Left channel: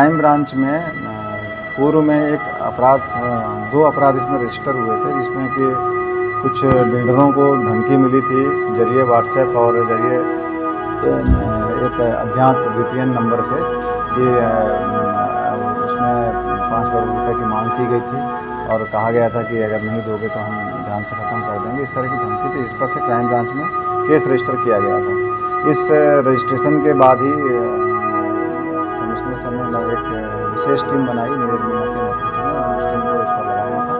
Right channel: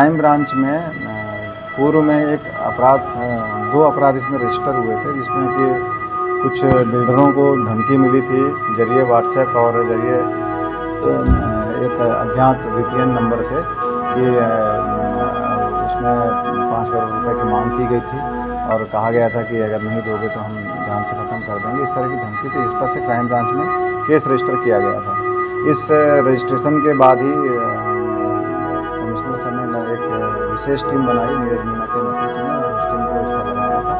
Crime branch में पूर्व में एक अपराध 2 अपराध इसमें रजिस्टर हुए थे, जिसमें कि कुछ बिल्डरों को धमकी मिली थी जरिए व्हाट्सएप और जरिए एक अज्ञात वीपीएन नंबर से कि उसमें 5 करोड़ रुपए की मांग की गई थी और कहा गया था कि अगर नहीं दोगे तो हम जान से ख़त्म कर देंगे। इस तरह की धमकी थी, इस पर से क्राइम ब्रांच में केस रजिस्टर किया गया था। इस रजिस्ट्रेशन के बाद ही कमिश्नर सर ने एक विशेष टीम बनाई नीरज मीना के नेतृत्व में और उस टीम को इस पर लगाया था।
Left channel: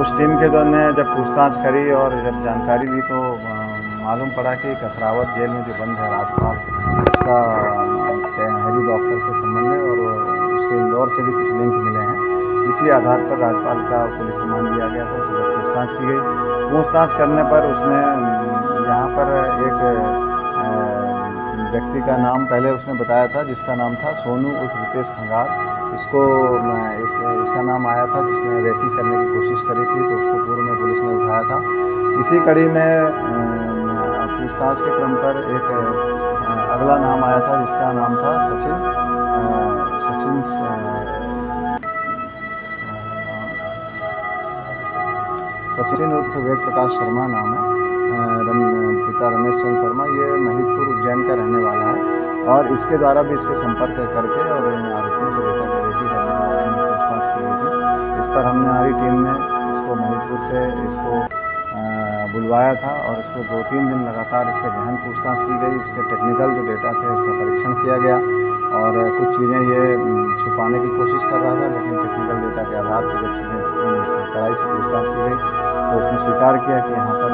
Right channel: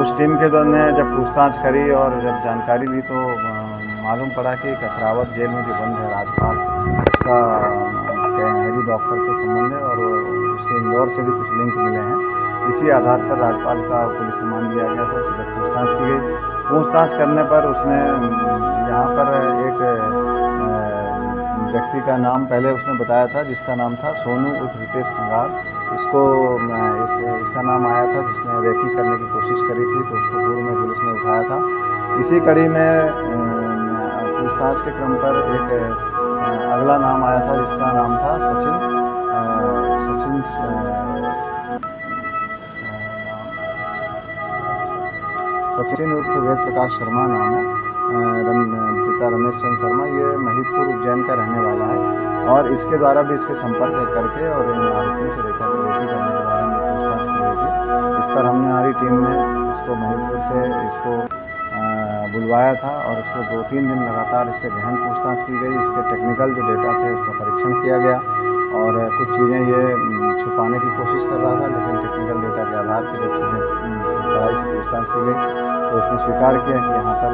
उस टीम के दौरान ने जब पूछताछ करी और जब जानकारी ली तो मालूम पड़ा कि कसरावत जेल में जो बंद है राजपाल, उसका हैरी बॉक्सर से संबंध है और उसके इंदौर से भी कुछ लिंक मिले हैं। इसी आधार पर राजपाल का पुलिस रिमांड लिया गया था। उससे जब पूछताछ की गई, पूछताछ करने पर उसने यहाँ पर एक व्यक्ति का नाम पहले उसने बताया था, जिसका नाम था सोनू उर्फ रितेश खंगार। इसका नाम आया था जिसने रेकी करने की कोशिश करी थी, तो उसको पूर्व में पुलिस ने उठाया था। इसी कड़ी में पूछताछ के क्रम पर एक अगला नाम आया था जिसका नाम था सचिन उर्फ वेद प्रकाश शर्मा नाम है। पिता रमेश चंद्र शर्मा, ये महिदपुर उज्जैन का रहने वाला है और इसके द्वारा भी इसके संपर्क करके और इन आरोपियों से रेकी करने के बारे में पूछताछ की गई थी। इस पर हमने हमारी टीम ने इसको महिदपुर से बुलवाया था और इसको 2-3 दिन लगातार इससे गहन पूछताछ की गई। इसके टेक्निकल जो डेटा थे उसका परीक्षण किया गया और कुछ चीज़ें ये छुपाने की कोशिश कर रहा था, लेकिन टेक्निकल डेटा के आधार पर जब चीज़ें कड़ाई से पूछताछ की गई तो उसने स्वीकार किया कि यहाँ पर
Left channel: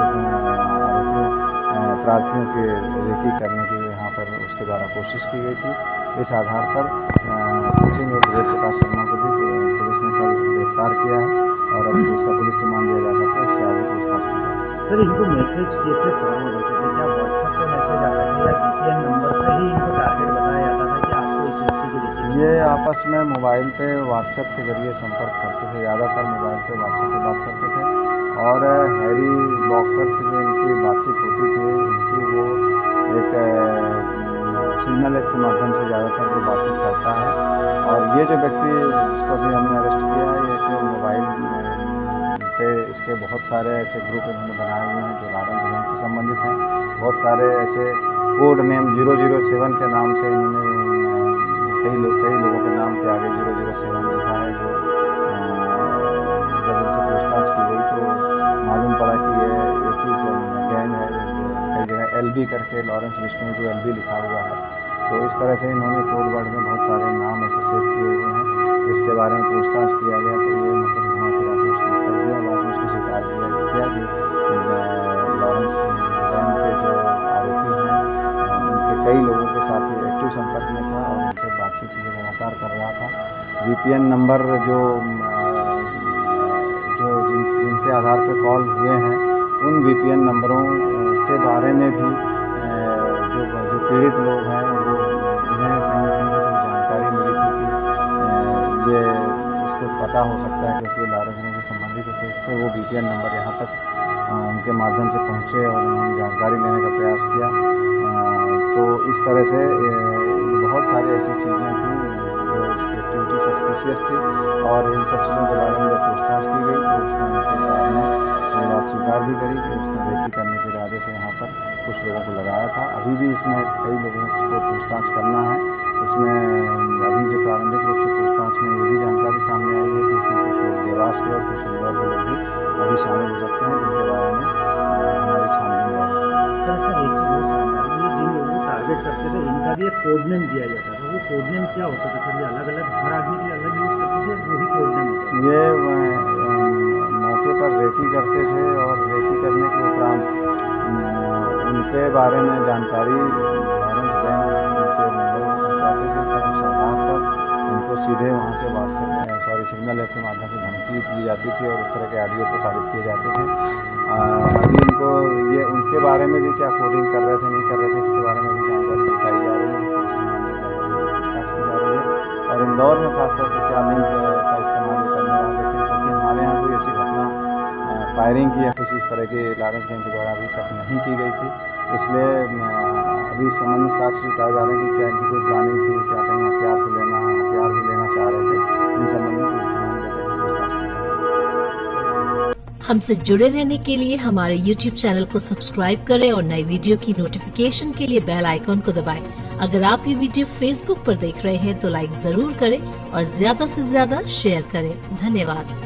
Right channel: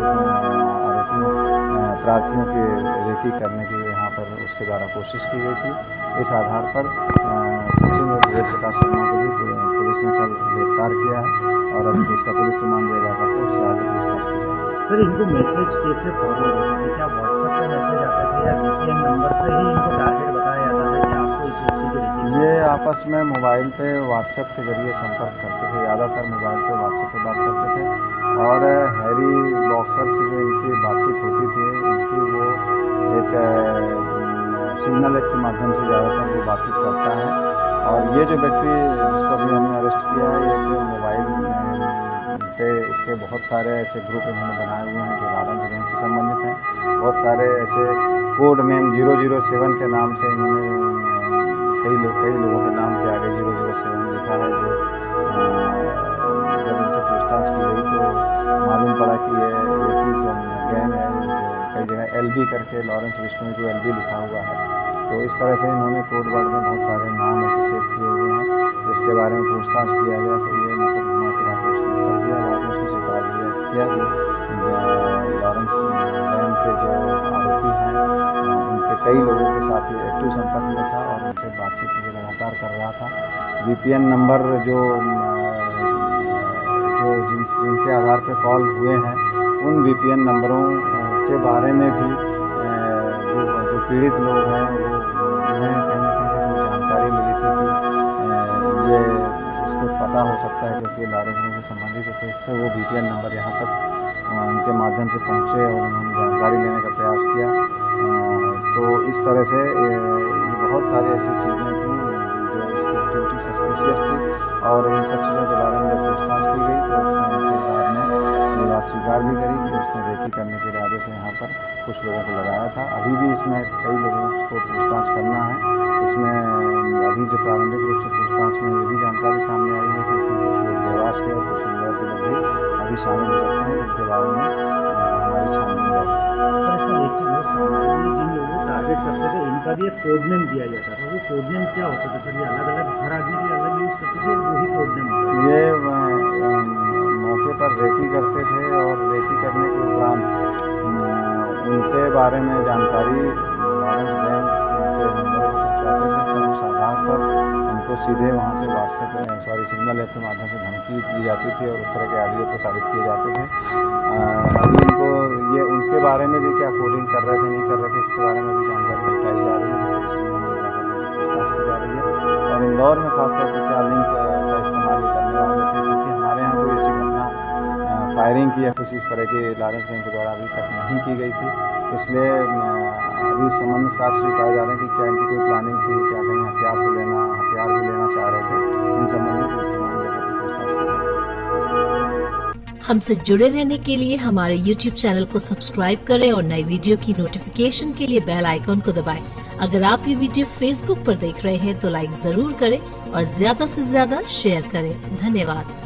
प्रार्थियों की रेकी करने की यहाँ पर उसके द्वारा कोशिश की गई थी। इस आधार पर सचिन और वेद प्रकाश शर्मा को भी पुलिस ने कल गिरफ्तार किया है और अभी उसका पुलिस रिमांड लिया जाता है, उससे आगे पूछताछ की जाएगी। सर, इनको मैसेज कैसे फॉरवर्ड होते थे? क्या व्हाट्सएप पे मैसेज आते थे या वीपीएन नंबर से ही इनको टारगेट बताया जाता था कि आपको इस व्यक्ति की रेकी? ये आपस में मोबाइल पे व्हाट्सएप के जरिए संपर्क करते थे, ज़्यादातर मोबाइल पे व्हाट्सएप पे बात करते थे और हैरी बॉक्सर से जो इनकी बातचीत होती थी, इनकी वो एक सिग्नल ऐप के माध्यम से ज़्यादातर वो बातचीत करता है। और ये जो व्यक्ति जिसको अभी हमने अरेस्ट किया है, ये एक मोबाइल पे इसके बहुत सारे ऐसे ग्रुप इन्होंने बनाए हुए हैं जो लारेंस गैंग से संबंधित हैं। बहुत सारे ऐसे कोड नेम 007 के नाम से इन्होंने कई लोगों के नाम के आगे 007 लिखा है, जो जब इनसे पूछताछ की गई तो मालूम पड़ा कि ये एक ही गैंग है जो कई जगह LB करके लॉरेंस विष्णु जो LB लिखा हुआ है। तो इस तरह से इन्होंने कोड वर्ड में बहुत सारे नाम ऐसे सेव किए हुए हैं। इसके बारे में पूछताछ किया गया तो ये मतलब घुमा फिरा के उसने उत्तर दिया। बाद में उसने स्वीकार किया कि लॉरेंस गैंग के जो आरोपी हैं उनके कई लोगों के साथ ये एक्टिव संपर्क में था और उनसे बातचीत ये लगातार कर रहा था। VPN नंबर जिनके आधार पर कॉल हुए हैं, उन VPN नंबरों के बारे में भी जो पीड़ित लोग हैं वो उन्हें कहीं न कहीं से कुछ जानकारी मिली थी कि ये इस पर पता हो सकता है क्योंकि लॉरेंस गैंग से संबंधित है, तो इस पर वो VPN नंबर यहाँ तक उनके माध्यम से पहुँचे और उन्होंने जानकारी लेने का प्रयास किया। तो इस तरह से ये बहुत सारी ऐसी चीज़ें थी जो इसकी एक्टिविटी सस्पिशियस थी और इन सब चीज़ों के बारे में जब पूछताछ की गई तो उसने उनके बाद में ये बात स्वीकार भी करी कि उसने रेकी करने के इरादे से यहाँ पर कुछ लोगों को लगाया था। अभी भी इसमें कई लोगों को पूछताछ करना है। इसमें अभी जो प्रारंभिक रूप से पूछताछ में ये भी जानकारी सामने आई है कि इसमें कुछ लोग देवास के और कुछ इंदौर के लोग भी अभी शामिल हो सकते हैं, जिनके बारे में हमारी छानबीन जारी है। सर, इसमें एक चीज़ और सामने आई, ये जिन लोगों को टारगेट करते थे इनका भी एक कोड नेम दिया जाता था। वो कोड नेम क्या होता था सर? ये अलग अलग हर आदमी के लिए अलग यूज़ करते थे, वही कोड नेम होता था? ये मौके पर रेकी करते थे और रेकी करने के उपरांत उनके बारे में जानकारी लॉरेंस गैंग के मेंबरों को पहुंचाते थे। तब उस आधार पर उनको सीधे वहां से सिग्नल ऐप के माध्यम से धमकी दी जाती थी और उस तरह के ऑडियो प्रसारित किए जाते थे। अभी इनको ये उनके बारे में भी क्या कोडिंग कर रहे थे नहीं कर रहे थे, इसके बारे में भी जानकारी जुटाई जा रही है, पुलिस रिमांड में जाकर इनसे पूछताछ की जा रही है। और इंदौर में खासतौर पर क्या लिंक का इस्तेमाल ये करने वाले थे, क्योंकि हमारे यहाँ कोई ऐसी घटना फायरिंग की या कुछ इस तरह की लॉरेंस गैंग के द्वारा अभी तक नहीं की गई थी। इसलिए अभी इस संबंध में साक्ष्य जुटाए जा रहे हैं कि क्या इनकी कोई प्लानिंग थी, क्या कहीं हथियार से लेना, हथियार भी लेना चाह रहे थे। इन संबंध में पुलिस रिमांड लेकर पूछताछ की जाएगी। हमसे जुड़े रहने के लिए हमारे YouTube चैनल को सब्सक्राइब करें और नई वीडियो की नोटिफिकेशन के लिए बेल आइकॉन को दबाएं। अगर आप ये वीडियो Facebook पर देख रहे हैं तो लाइक जरूर करें और ज्यादा से ज्यादा शेयर करें। धन्यवाद।